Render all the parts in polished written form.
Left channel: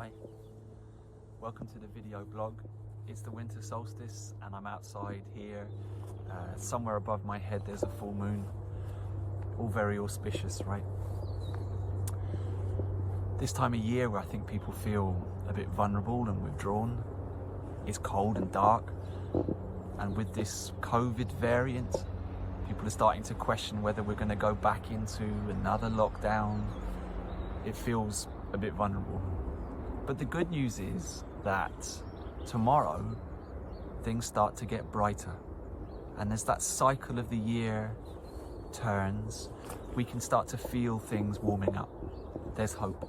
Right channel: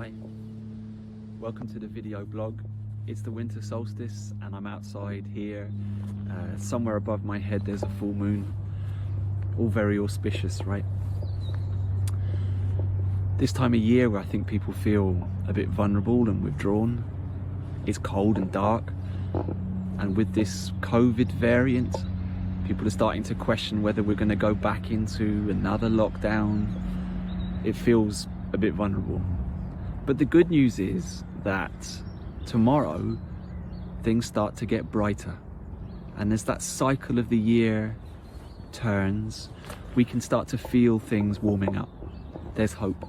Hi, welcome to the video blog. It's the winter solstice and I'm outside here. Somewhere above my head there's a full moon. All very auspicious, right? This time of year where I think people feel a bit vulnerable and withdrawn. It's cold and dark, and with this COVID variant, people are starting to question whether we're going to go back into another lockdown. It feels a bit vulnerable. But the good news is that tomorrow things start to get brighter, and as that cycle of the year turns, we can start to feel things warming up. There's hope.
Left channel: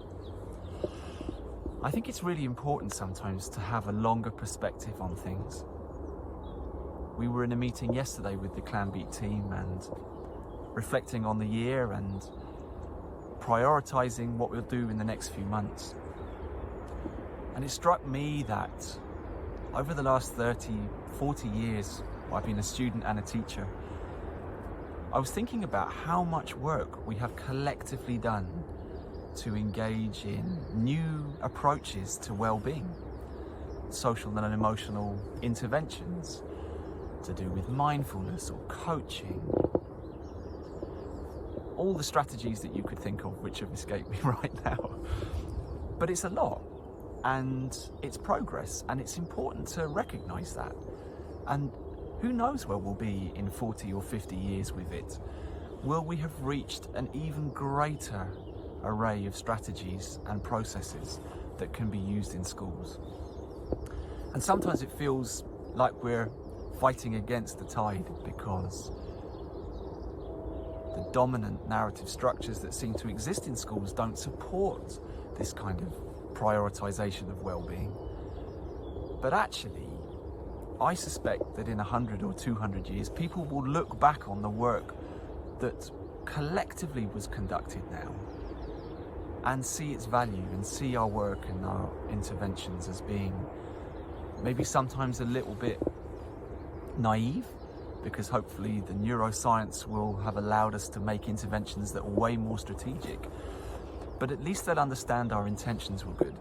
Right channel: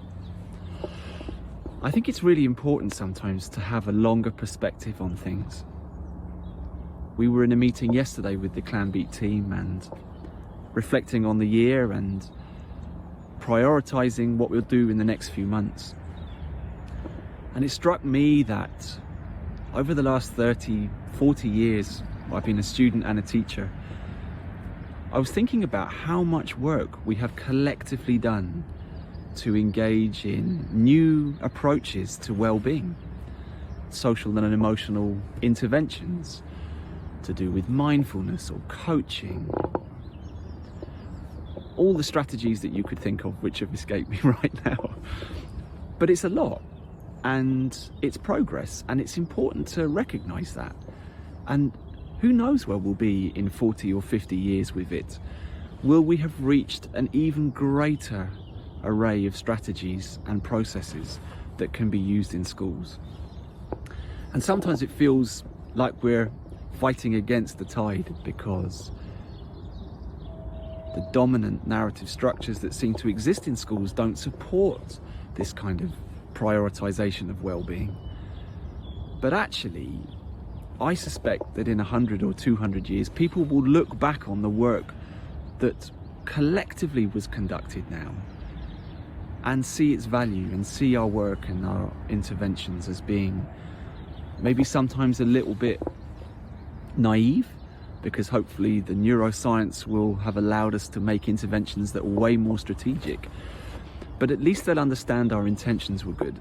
I think it's really important sometimes to have a longer perspective on things. We were in a meeting yesterday with the Clanbeat team and reflecting on the year and prioritizing what we'll do in the next few months. And it struck me that over the last 30, 40 years, I've been a student and a teacher, I was thinking about how much work we have collectively done to engage in new approaches to well-being, social and emotional interventions to do with mindfulness or coaching, all the strategies that you could think of which have escaped me right now. But it's a lot, and it's progress, and it's important to recognize that. And who knows where we'll be in 40 or 50 years with it? Will we have reached an even greater array of strategies and processes that can be used in schools? And sometimes it feels like we're fighting against the tide, because the dominant narrative structures that seem to exist in schools don't support this kind of prioritization of well-being. But actually, I suspect that in 100 or 200 years, people will look back on the work that collectively was conducted now and see its value and see our work and our interventions as being maybe sometimes a little bit naive, because hopefully the neuroscience will have allowed us to make interventions that are way more strategic. But at least they'll understand our intentions were good.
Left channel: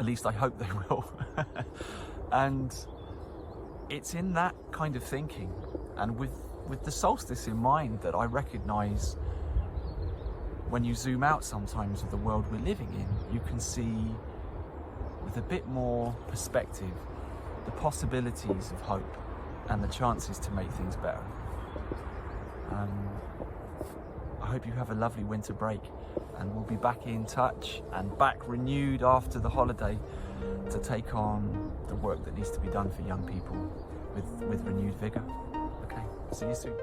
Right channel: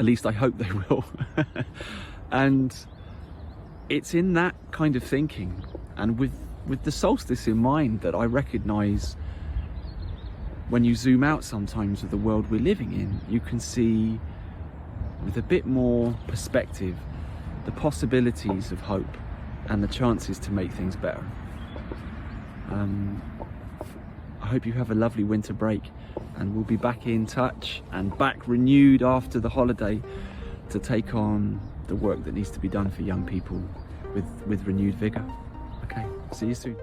At least I hope they will. And it's in that kind of thinking, and with the solstice in mind, that I recognize when you zoom out sometimes of the world we're living in, you can see with a bit more perspective the possibilities of hope and the chances to make things better. I hope you have a lovely winter break, and we'll be back in touch and back renewed after the holiday to take on the work that needs to be done for young people with renewed vigor. Okay, see you soon.